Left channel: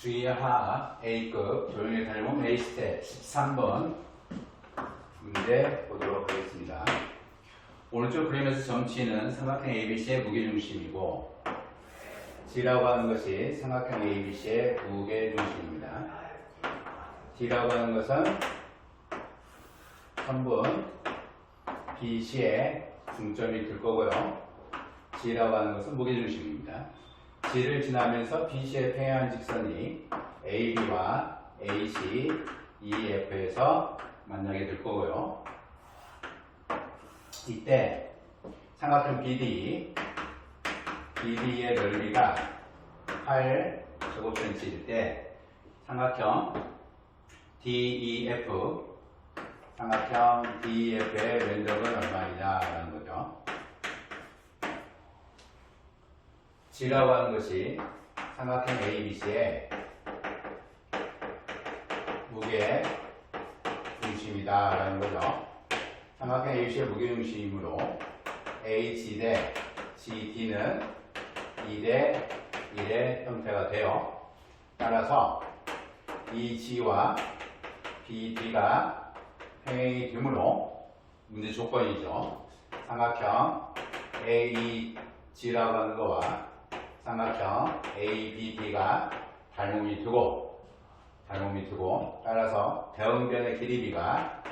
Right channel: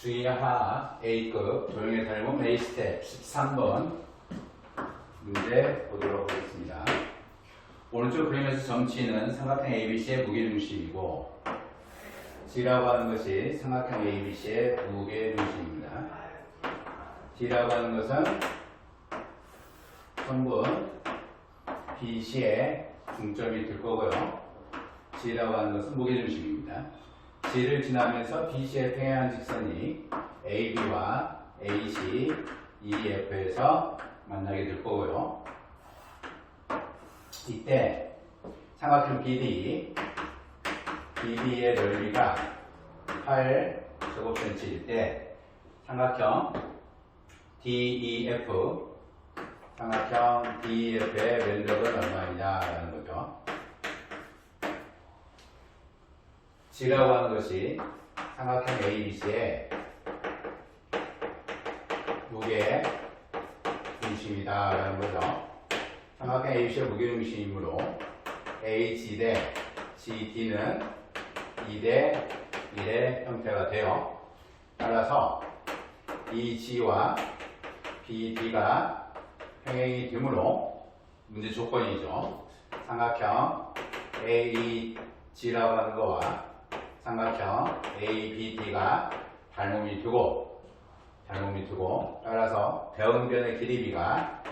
주의하 A급 조용히 다니면 A스텝 13번 문제 보도록 하겠습니다. 오른쪽 그림에서 점치는 삼각형 ABC의 무게중심이고 G라고 하는 것이 삼각형 ABC의 무게중심입니다. D라고 하는 것은 선분 BC의 중점이 될 거고요. G라고 하는 것은 무게중심입니다. G를 지나면서 BC의 평행한 직선이 AB와 AC, EF에서 만나게 될 거고요. 이때 삼각형 BD의 넓이가 8제곱cm일 때 삼각형 DEF의 면적은 얼마이냐라는 거죠. G라고 하는 것이 삼각형 ABC의 무게중심이다라는 거죠. 삼각형 ABC의 무게중심이므로 AG 대 GD는 2대 1의 형태가 돼요. 따라서 이 G와 BD가 평행이 되므로 문제 조건이죠. 삼각형 AEG라고 하는 거와 삼각형 ABD가 닮음이 두고 따라서 대응변의 길이비가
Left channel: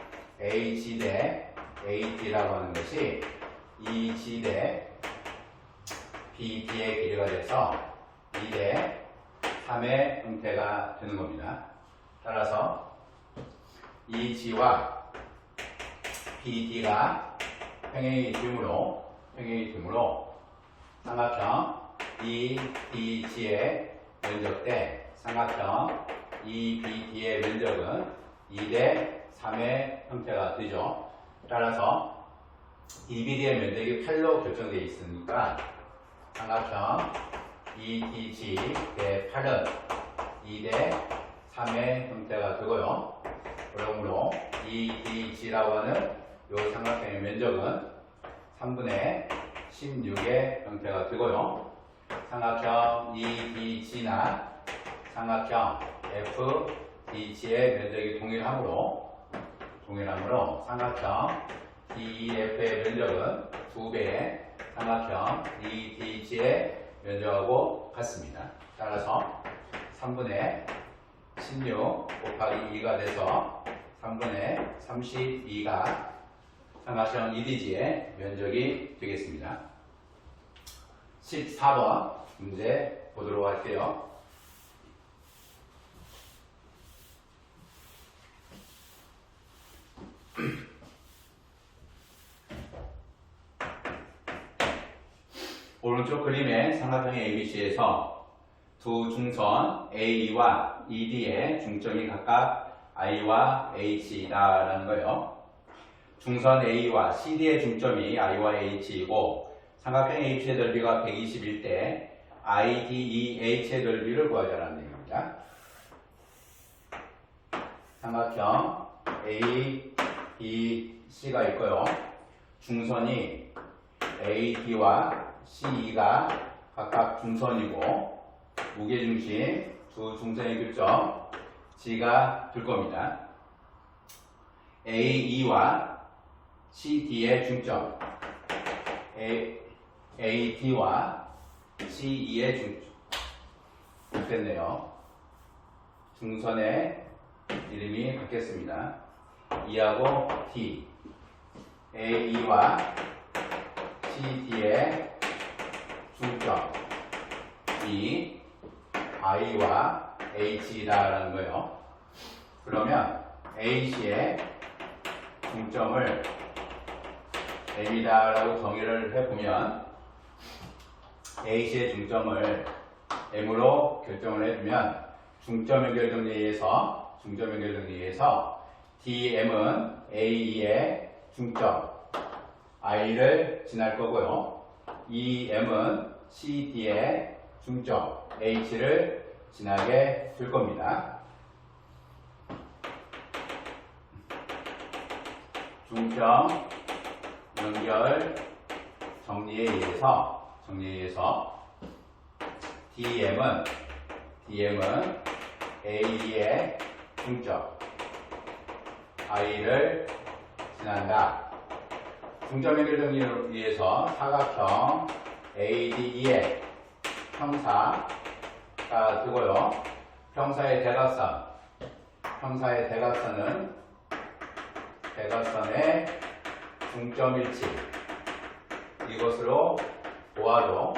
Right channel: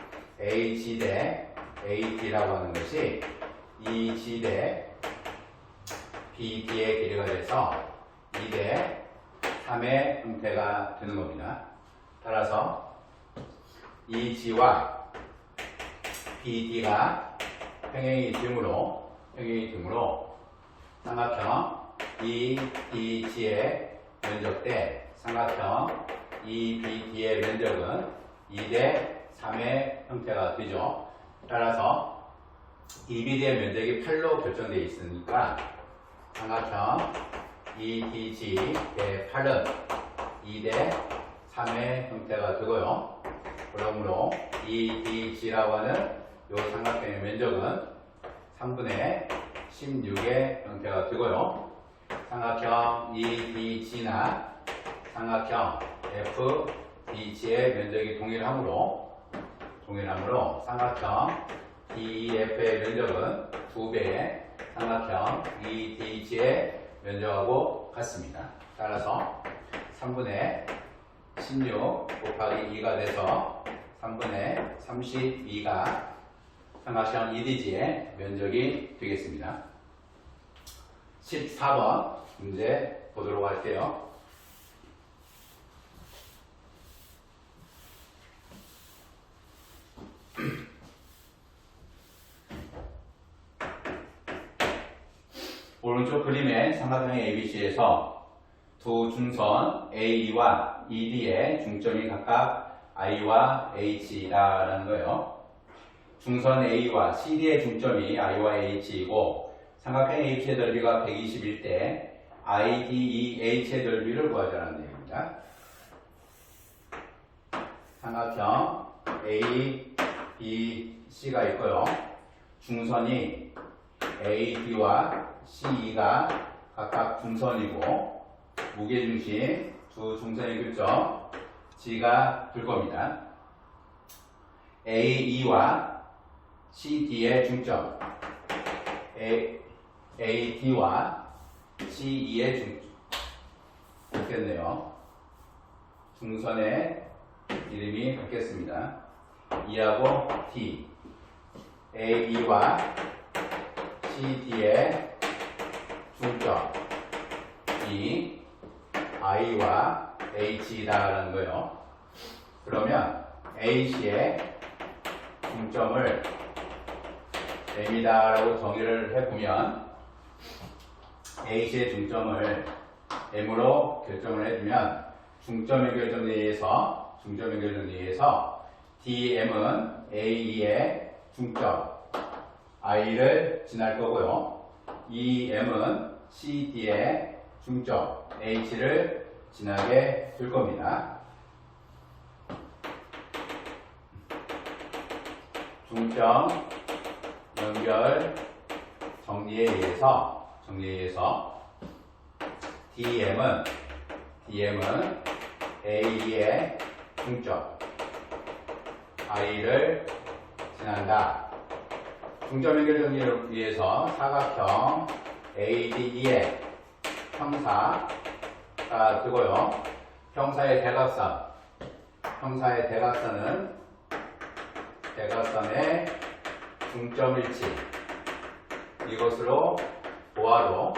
AG 대 AD라고 하는 것이 EG 대 BD의 길이가 돼서 2대 3의 형태가 되는 겁니다. 따라서 EG와 BD가 평행이 되므로 삼각형 EDG의 면적 대 삼각형 EBD의 면적은 2대 3의 형태가 되죠. 따라서 EBD의 면적이 8로 결정되어 있으니까 삼각형 EDG 대 8은 2대 3의 형태가 되고요. 그러므로 EDG라고 하는 이 삼각형의 면적은 3분의 16의 형태가 되고요. 삼각형 EDG나 삼각형 FDG의 면적이 동일하므로 삼각형 DEF의 면적은 2배의 삼각형 EDG의 면적하고 같습니다. 따라서 3분의 16 곱하기 2가 돼서 3분의 32가 삼각형 EDG의 면적이 되겠습니다. 14번 문제 보도록 할게요. 오른쪽 그림의 삼각형 ABC에서 두 중선 AE와 ED의 중점이 각각 I와 H라는 거예요. 중선 A와 CD의 중점이 I와 H이고 삼각형 ABC의 넓이가 120일 때 IDEH의 넓이를 구하자는 얘기입니다. 삼각형 A, B, C가 있고요. 중선이 AD와 CE가 각각 중선이고 무게중심 두 중선의 교점 G가 될 겁니다. AE와 CD의 중점 AD와 CE의 중점 됐네요. 중선의 이름이 바뀌었습니다. E하고 D AE와 CD의 중점 이 I와 H다라는 거예요. 그러면 AC의 중점을 M이다라고 정의를 해보면 AC의 중점을 M으로 결정을 해주면 중점 연결 정리에서 DM은 AE의 중점 I를 지날 거고요. EM은 CD의 중점 H를 지나게 될 겁니다. 중점 연결 정리에 의해서 DM은 A의 중점 I를 지난다. 중점 연결 정리를 위해서 사각형 ADE의 평사가 되고요. 평사의 대각선은 대각선의 중점일치 이것으로 보아도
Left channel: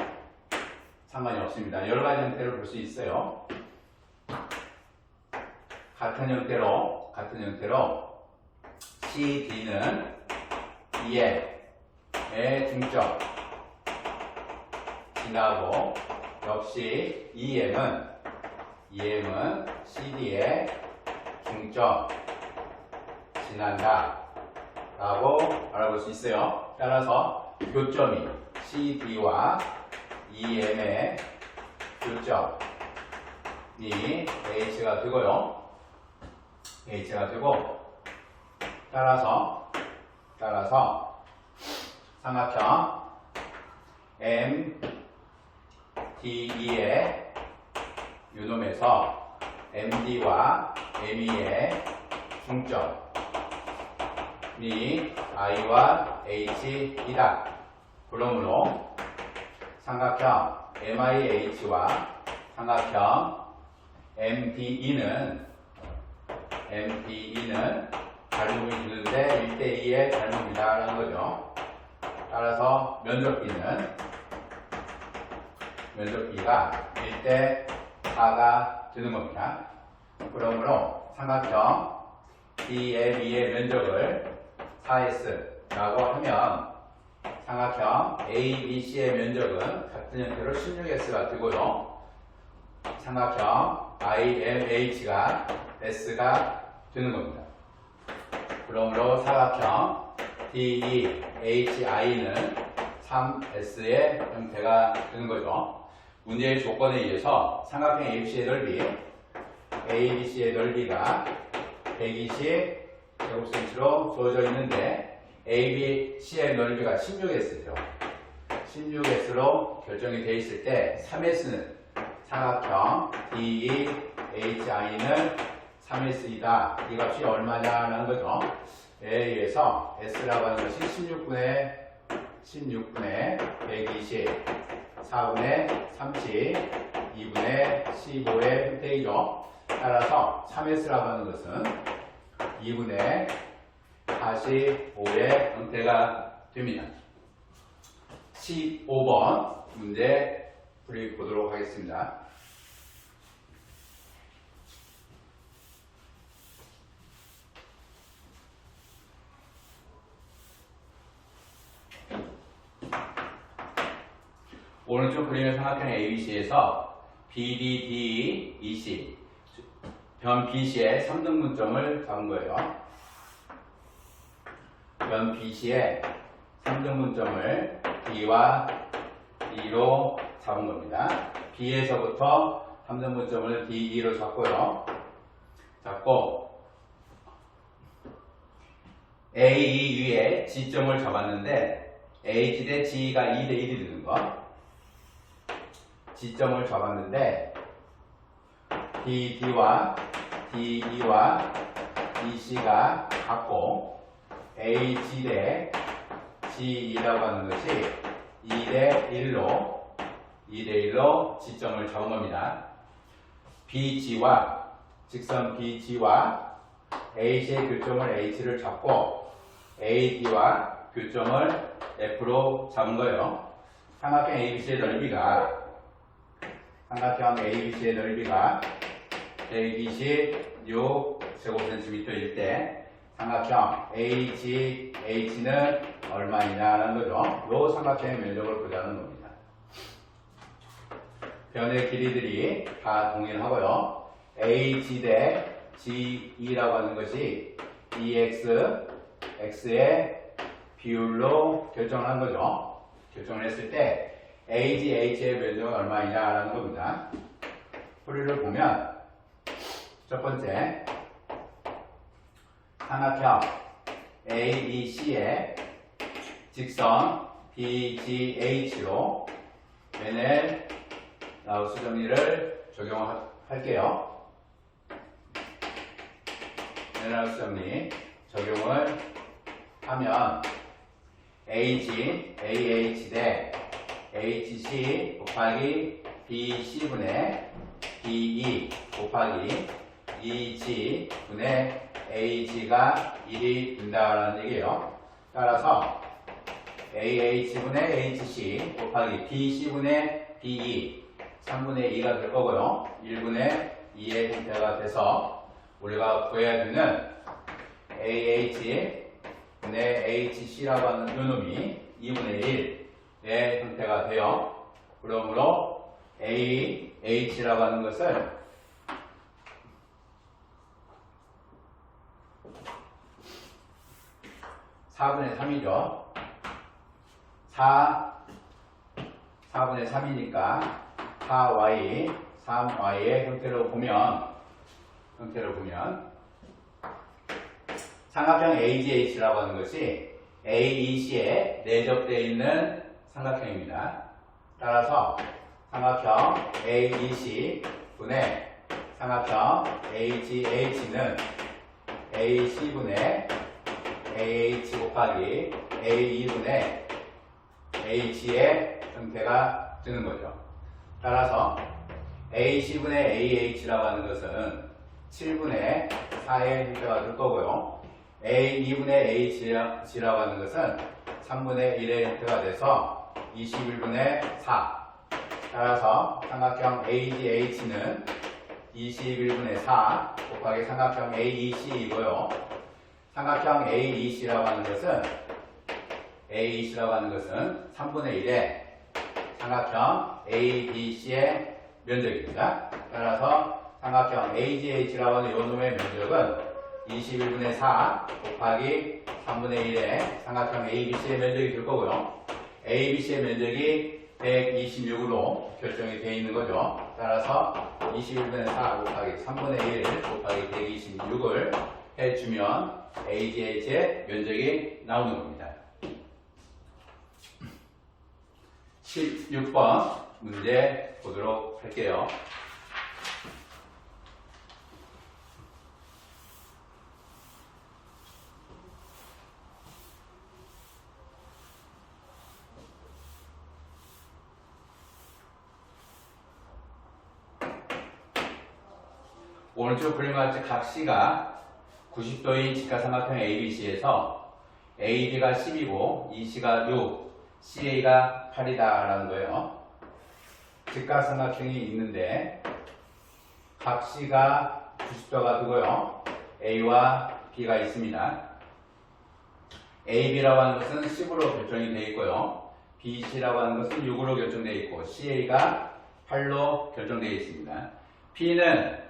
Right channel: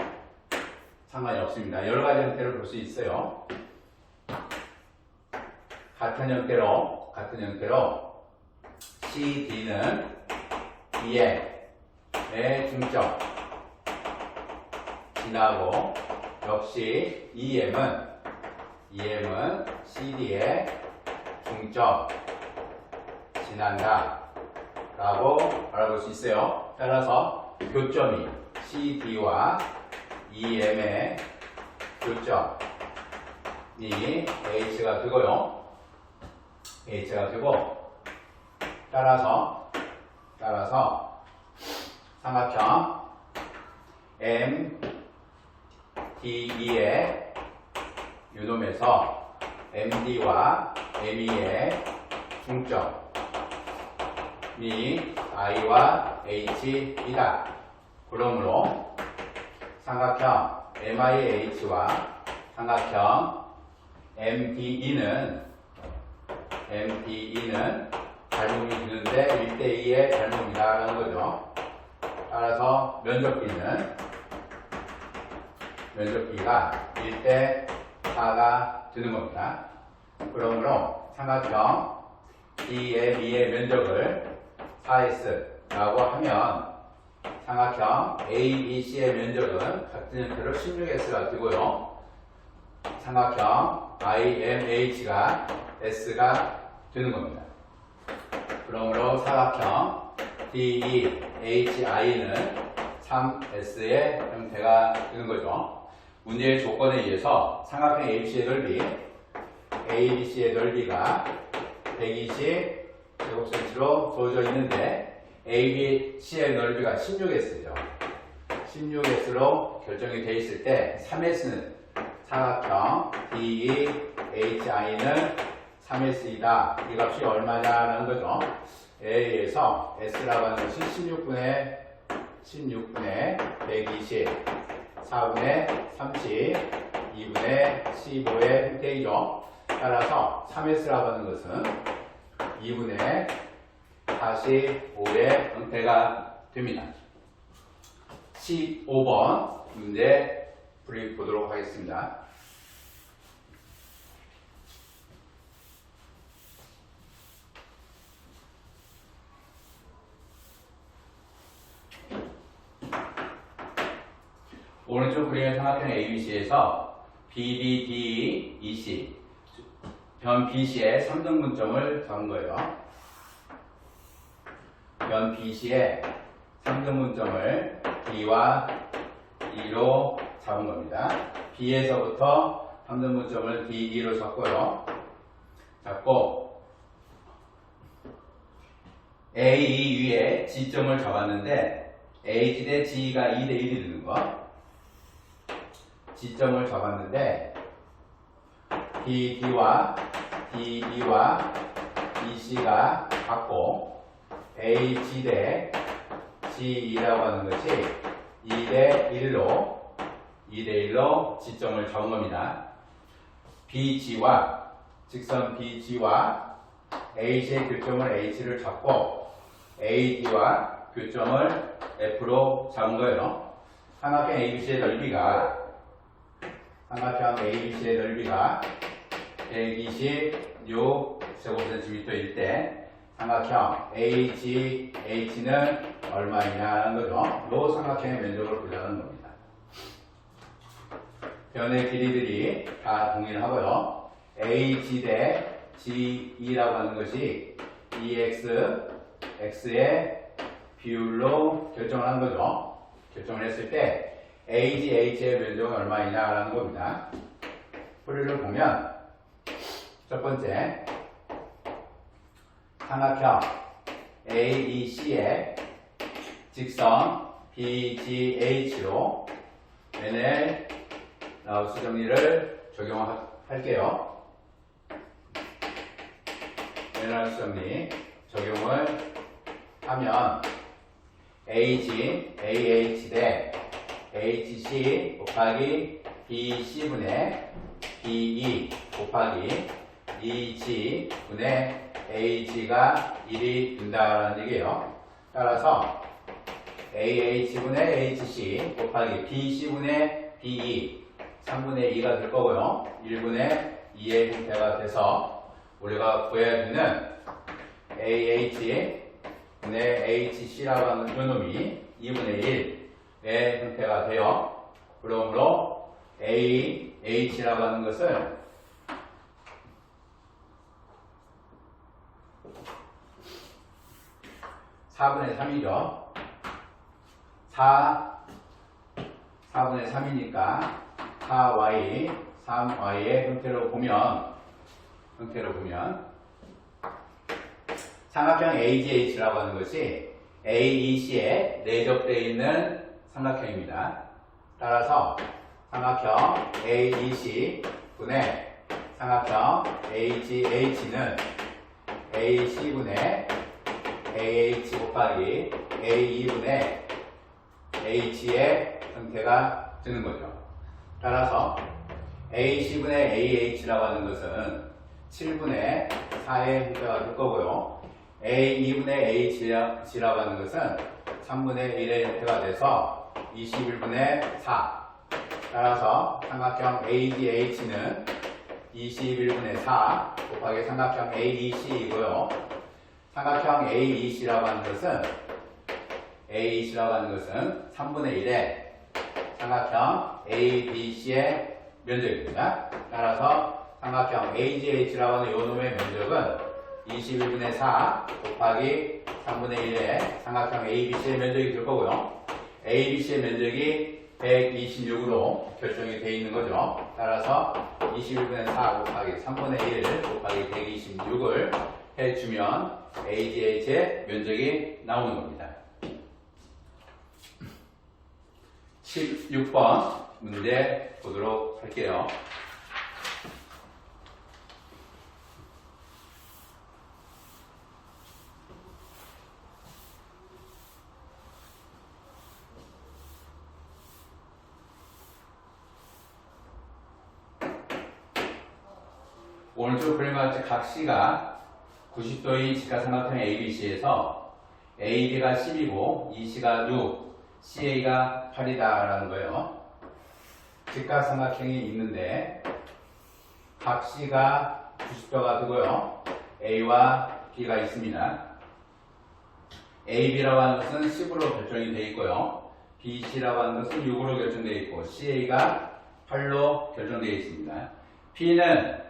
상관이 없습니다. 여러 가지 형태로 볼 수 있어요. 같은 형태로 CD는 EM의 중점 지나고 역시 EM은 CD의 중점 지난다 라고 알아볼 수 있어요. 따라서 교점이 CD와 EM의 교점이 H가 되고요. 따라서 삼각형 MDE의 요놈에서 MD와 ME의 중점이 I와 H이다. 그러므로 삼각형 MIH와 삼각형 MDE는 닮음이 주는데 1대2의 닮음이다 라는 거죠. 따라서 면적비가 1대4가 되는 겁니다. 그러므로 삼각형 DME의 면적을 4S라고 하면 삼각형 ABC의 면적은 같은 형태로 16S가 되고요. 삼각형 IMH가 S가 되는 겁니다. 그러므로 사각형 DEHI는 3S의 형태가 되는 거죠. 문제의 조건에 의해서 삼각형 ABC의 넓이가 120제곱센치로 주어져 있는데 ABC의 넓이가 16S죠. 16S로 결정이 되어 있을 때 3S는 사각형 DEHI는 3S이다. 이 값이 얼마냐라는 거죠. 에 의해서 S라고 하는 것이 16분의 120, 4분의 30, 2분의 15의 형태이죠. 따라서 3S라고 하는 것은 2분의 45의 형태가 됩니다. 15번 문제 풀이 보도록 하겠습니다. 오른쪽 그림의 삼각형 ABC에서 BD, DE, EC 변 BC의 3등분점을 잡은 거예요. 변 BC의 3등분점을 D와 E로 잡은 겁니다. B에서부터 3등분점을 D, E로 잡고 A, E 위에 G점을 잡았는데 H 대 G가 2대 1이 되는 거. G점을 잡았는데 BD와 DE와 EC가 같고 AG 대 GE라고 하는 것이 2대 1로 G점을 잡은 겁니다. BG와 직선 BG와 H의 교점을 H를 잡고 AD와 교점을 F로 잡은 거예요. 삼각형 ABC의 넓이가 126제곱cm일 때 삼각형 AGH는 얼마이냐는 거죠. 이 삼각형의 면적을 보자는 겁니다. 변의 길이들이 다 동일하고요. AG 대 GE라고 하는 것이 EX, X의 비율로 결정을 한 거죠. 결정을 했을 때 AGH의 면적은 얼마이냐라는 겁니다. 풀이를 보면 첫 번째 삼각형 ABC의 직선 BGH로 맨의 라우스 정리를 적용할게요. 제너럴 정리 적용을 하면 AG, AH 대 HC 곱하기 BC분의 BE 곱하기 EG분의 AG가 1이 된다라는 얘기예요. 따라서 AH분의 HC 곱하기 BC분의 BE 3분의 2가 될 거고요. 1분의 2의 형태가 돼서 우리가 구해야 되는 AH분의 HC라고 하는 요놈이 2분의 1의 형태가 돼요. 그러므로 AH라고 하는 것을 4분의 3이죠. 4분의 3이니까 4y, 3y의 형태로 보면 삼각형 AGH라고 하는 것이 AEC에 내접되어 있는 삼각형입니다. 따라서 삼각형 AEC 분의 삼각형 AGH는 AC분의 AH 곱하기 AE분의 H의 형태가 되는 거죠. 따라서 AC분의 AH라고 하는 것은 7분의 4의 형태가 될 거고요. A2분의 H라고 하는 것은 3분의 1의 형태가 돼서 21분의 4. 따라서 삼각형 AGH는 21분의 4 곱하기 삼각형 AEC이고요. 삼각형 AEC라고 하는 것은 3분의 1의 삼각형 ABC의 면적입니다. 따라서 삼각형 AGH라고 하는 요놈의 면적은 21분의 4 곱하기 3분의 1의 삼각형 ABC의 면적이 될 거고요. ABC의 면적이 126으로 결정이 되어 있는 거죠. 따라서 21분의 4 곱하기 3분의 1 곱하기 126을 해주면 AGH의 면적이 나오는 겁니다. 6번 문제 보도록 할게요. 오른쪽 그림과 같이 각 C가 90도인 직각삼각형 ABC에서 AB가 10이고 EC가 6, CA가 8이다 라는 거예요. 직각삼각형이 있는데 각 C가 90도가 되고요. A와 B가 있습니다. AB라고 하는 것은 10으로 결정이 되어 있고요. BC라고 하는 것은 6으로 결정되어 있고 CA가 8로 결정되어 있습니다. P는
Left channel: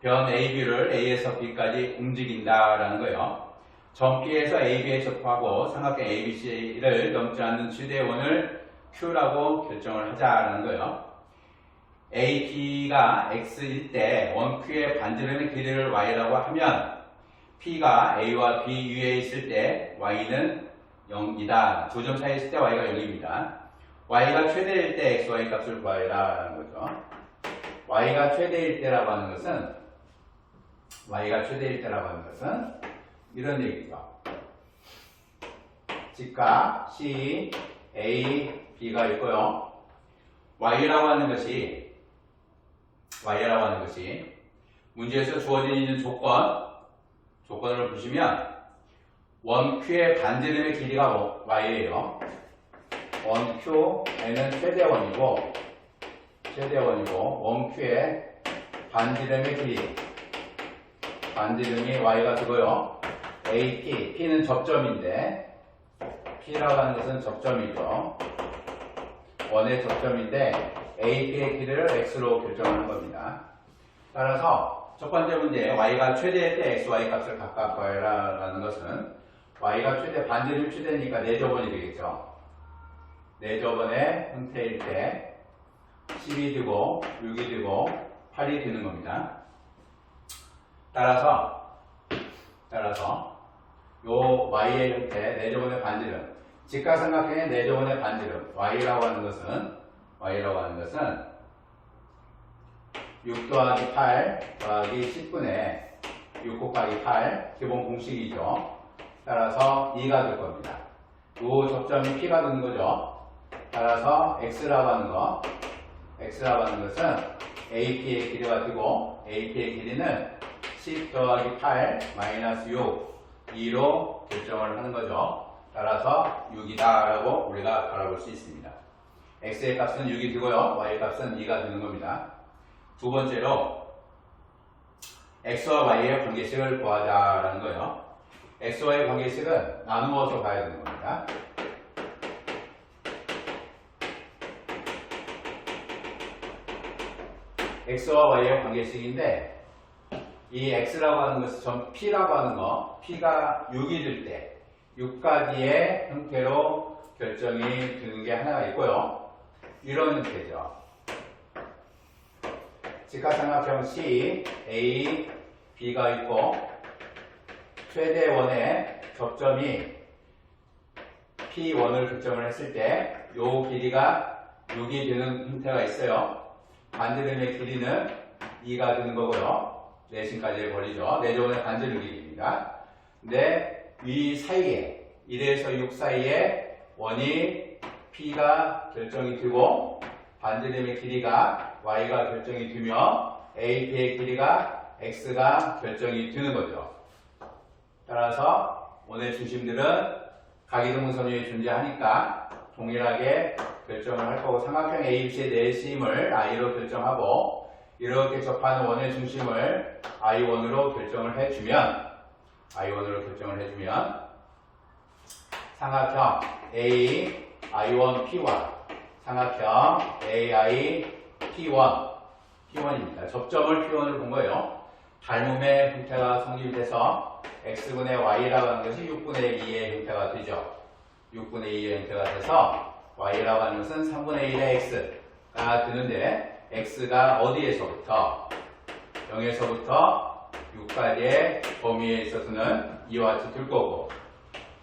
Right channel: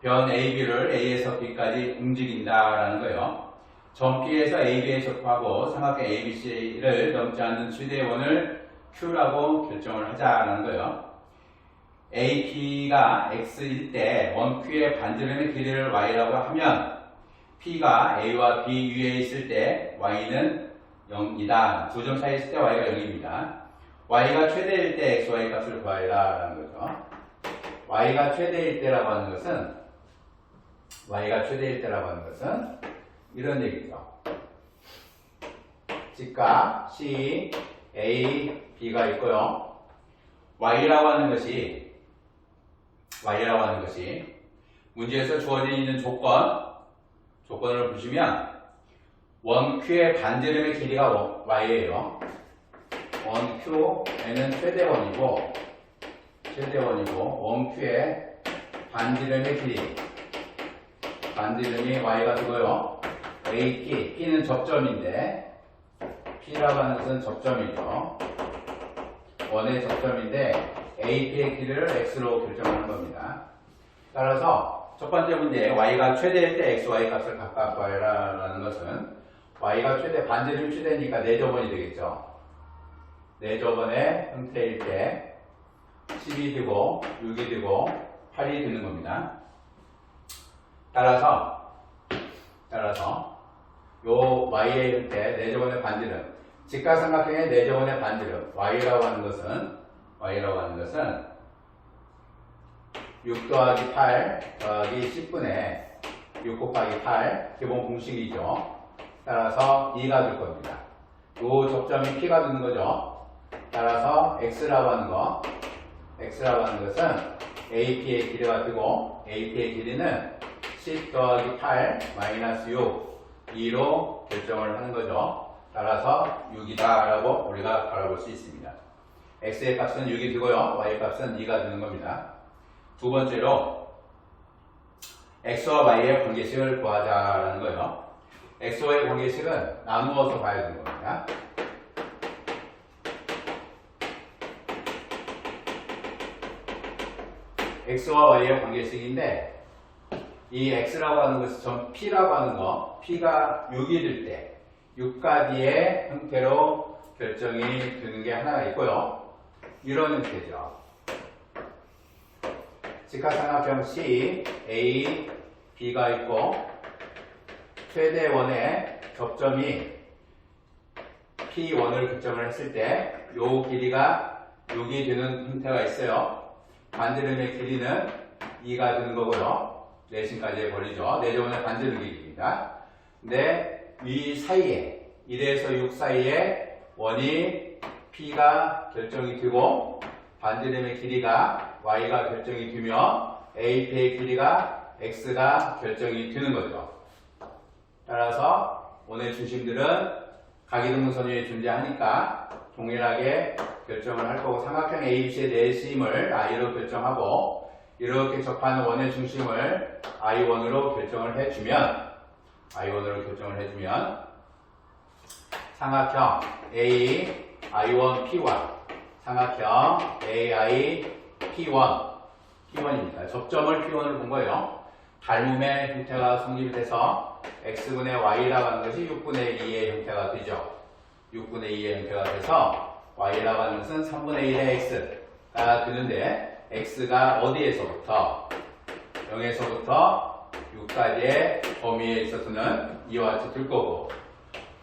변 AB를 A에서 B까지 움직인다라는 거예요. 점 P에서 AB에 접하고 삼각형 ABC를 넘지 않는 최대의 원을 Q라고 결정을 하자라는 거예요. AP가 X일 때 원 Q의 반지름의 길이를 Y라고 하면 P가 A와 B 위에 있을 때 Y는 0이다. 두 점 사이에 있을 때 Y가 0입니다. Y가 최대일 때 XY 값을 구하라는 거죠. Y가 최대일 때라고 하는 것은 이런 얘기죠. 직각 C, A, B가 있고요. Y라고 하는 것이 문제에서 주어져 있는 조건을 보시면 원 Q의 반지름의 길이가 Y예요. 원 Q에는 최대원이고 원 Q의 반지름이 Y가 되고요. AP, P는 접점인데 P라고 하는 것은 접점이죠. 원의 접점인데 AP의 길이를 X로 결정하는 겁니다. 따라서 첫 번째 문제 Y가 최대일 때 XY 값을 각각 구하라는 것은 Y가 반지름이 최대니까 4저번이 되겠죠. 4저번의 형태일 때 10이 되고 6이 되고 8이 되는 겁니다. 따라서 요 Y의 형태 4저번의 반지름 직각삼각형의 4저번의 반지름 Y라고 하는 것은 6 더하기 8 더하기 10분의 6 곱하기 8 기본 공식이죠. 따라서 2가 될 겁니다. 요 접점이 P가 되는 거죠. 따라서 X라고 하는 것은 AP의 길이가 되고 AP의 길이는 10 더하기 8 마이너스 6 2로 결정을 하는 거죠. 따라서 6이다 라고 우리가 바라볼 수 있습니다. X의 값은 6이 되고요. Y의 값은 2가 되는 겁니다. 두 번째로 X와 Y의 관계식을 구하자라는 거예요. X와의 관계식은 나누어서 봐야 되는 겁니다. X와 Y의 관계식인데 이 X라고 하는 것이 전 P라고 하는 거 P가 6이 될 때 6가지의 형태로 결정이 되는 게 하나가 있고요. 이런 형태죠. 직각삼각형 C, A, B가 있고 최대 원의 접점이 P1을 결정을 했을 때 요 길이가 6이 되는 형태가 있어요. 반지름의 길이는 2가 되는 거고요. 내심까지의 거리죠. 내접원의 반지름 길이입니다. 근데 이 사이에 1에서 6 사이에 원이 P가 결정이 되고 반지름의 길이가 Y가 결정이 되며 AP의 길이가 X가 결정이 되는 거죠. 따라서 원의 중심들은 각이동선 위에 존재하니까 동일하게 결정을 할 거고 삼각형 ABC의 내심을 I로 결정하고 이렇게 접하는 원의 중심을 I1으로 결정을 해주면 삼각형 A, I1, P1 삼각형 AI, P1입니다. 접점을 P1을 본 거예요. 닮음의 형태가 성립이 돼서 X분의 Y라고 하는 것이 6분의 2의 형태가 되죠. 6분의 2의 형태가 돼서 Y라고 하는 것은 3분의 1의 X가 되는데 X가 어디에서부터 0에서부터 6까지의 범위에 있어서는 이와 같이 될 거고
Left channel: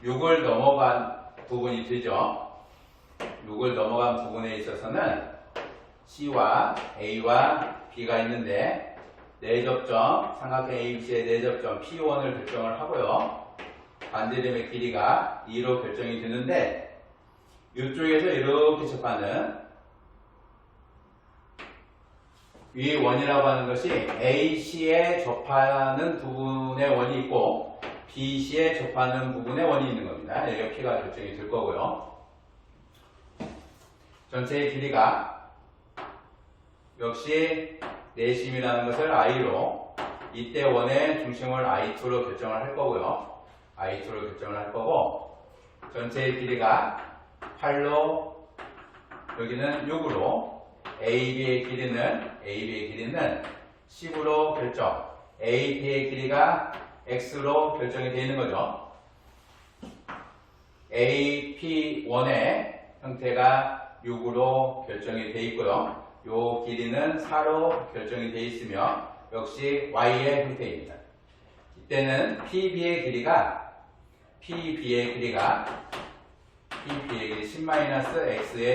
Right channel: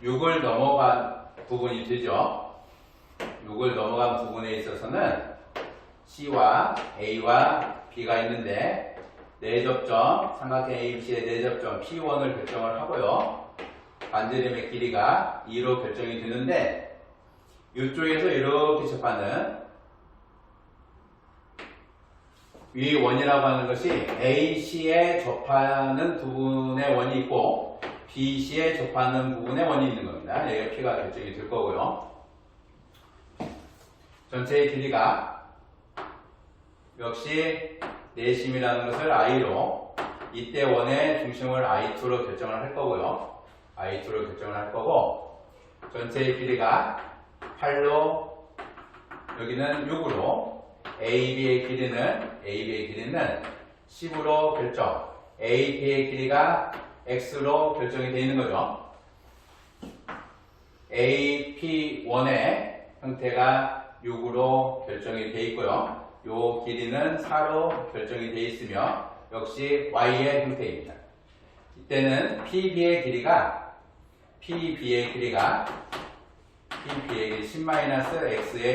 6을 넘어간 부분이 되죠. 6을 넘어간 부분에 있어서는 C와 A와 B가 있는데 내접점, 삼각형 ABC의 내접점 P1을 결정을 하고요. 반지름의 길이가 2로 결정이 되는데 이쪽에서 이렇게 접하는 위 원이라고 하는 것이 AC에 접하는 부분의 원이 있고 BC에 접하는 부분의 원이 있는 겁니다. 여기가 P가 결정이 될 거고요. 전체의 길이가 역시 내심이라는 것을 I로 이때 원의 중심을 I2로 결정을 할 거고요. I2로 결정을 할 거고 전체의 길이가 8로 여기는 6으로 AB의 길이는 10으로 결정 AP의 길이가 X로 결정이 되어 있는 거죠. AP1의 형태가 6으로 결정이 되어 있고요. 요 길이는 4로 결정이 되어 있으며 역시 Y의 형태입니다. 이때는 PB의 길이가 10-X의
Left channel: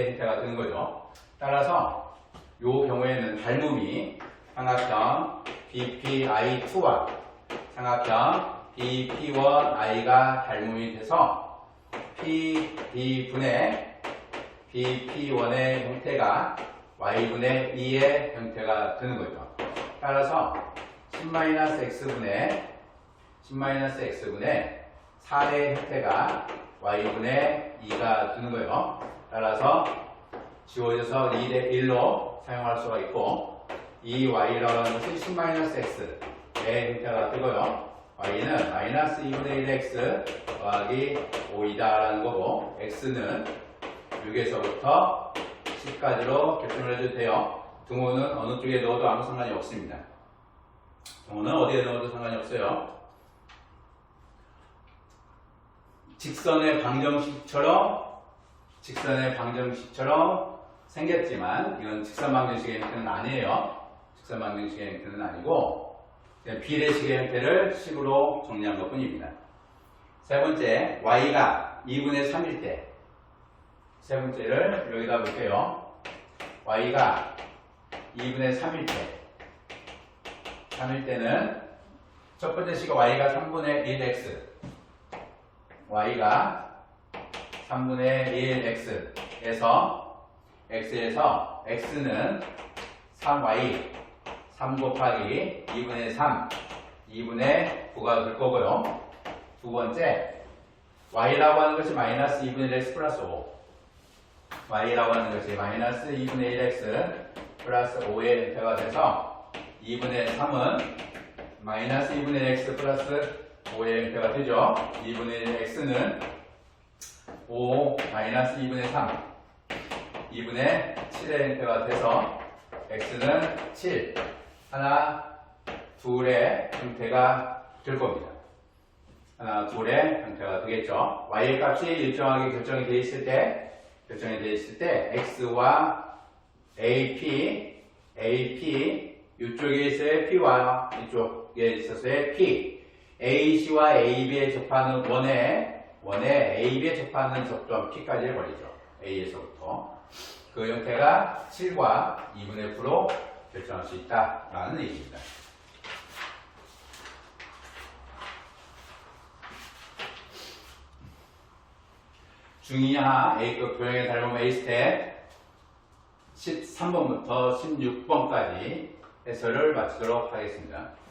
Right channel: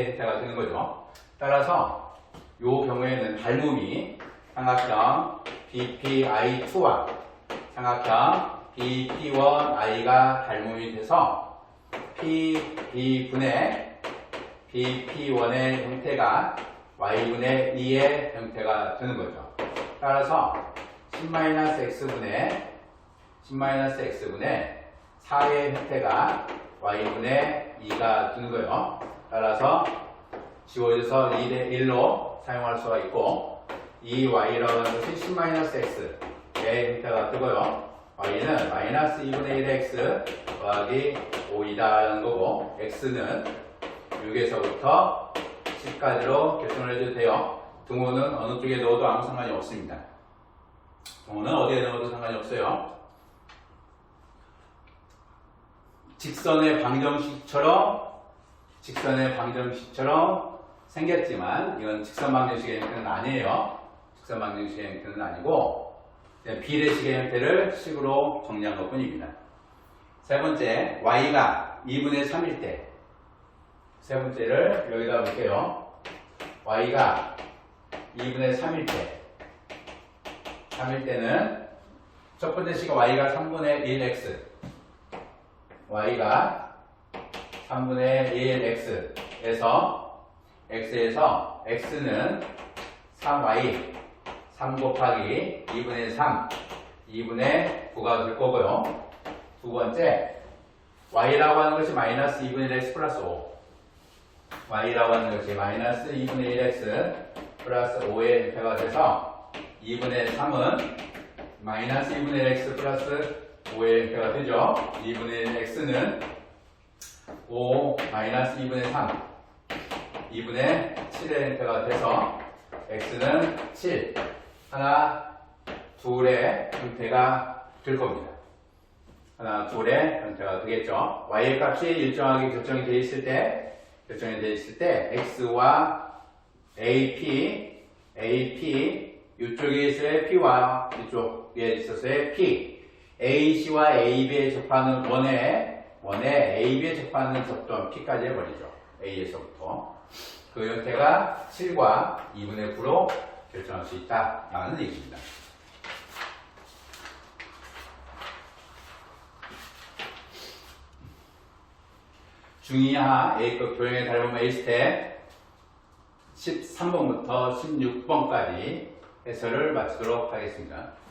형태가 되는 거죠. 따라서 요 경우에는 닮음이 삼각형 BPI2와 삼각형 BP1I가 닮음이 돼서 PB분의 BP1의 형태가 Y분의 2의 형태가 되는 거죠. 따라서 10-X분의 4의 형태가 Y분의 2가 되는 거예요. 따라서 지워져서 2대1로 사용할 수가 있고 이 Y라고 하는 것이 10-X의 형태가 되고요. Y는 마이너스 2분의 1의 X 더하기 5이다 라는 거고 X는 6에서부터 10까지로 결정을 해줘도 돼요. 등호는 어느 쪽에 넣어도 아무 상관이 없습니다. 등호는 어디에 넣어도 상관이 없어요. 직선의 방정식처럼 생겼지만 이건 직선 방정식의 형태는 아니에요. 직선 방정식의 형태는 아니고 그냥 비례식의 형태를 식으로 정리한 것 뿐입니다. 세 번째, y가 2분의 3일 때 세 번째를 여기다 볼게요. y가 2분의 3일 때는 첫 번째 식은 y가 3분의 1x, y가 3분의 1x에서 x에서 x는 3y 3 곱하기 2분의 3 2분의 9가 될 거고요. 두 번째 y라고 하는 것이 마이너스 2분의 1x 플러스 5, y라고 하는 것이 마이너스 2분의 1x 플러스 5의 형태가 돼서 2분의 3은 마이너스 2분의 1x 플러스 5의 형태가 되죠. 2분의 1x는 5 마이너스 2분의 3 2분의 7의 형태가 돼서 x는 7 하나 둘의 형태가 될 겁니다. 하나 둘의 형태가 되겠죠. y의 값이 일정하게 결정이 되어 있을 때 x와 AP 이쪽에 있어야 p와 이쪽에 있어서의 p AC와 AB에 접하는 원에 AB에 접하는 접점 p까지 해버리죠. A에서부터 그 형태가 7과 2분의 9로 결정할 수 있다라는 얘기입니다. 중이하 A급 도형의 닮은 A 스텝 13번부터 16번까지 해설을 마치도록 하겠습니다.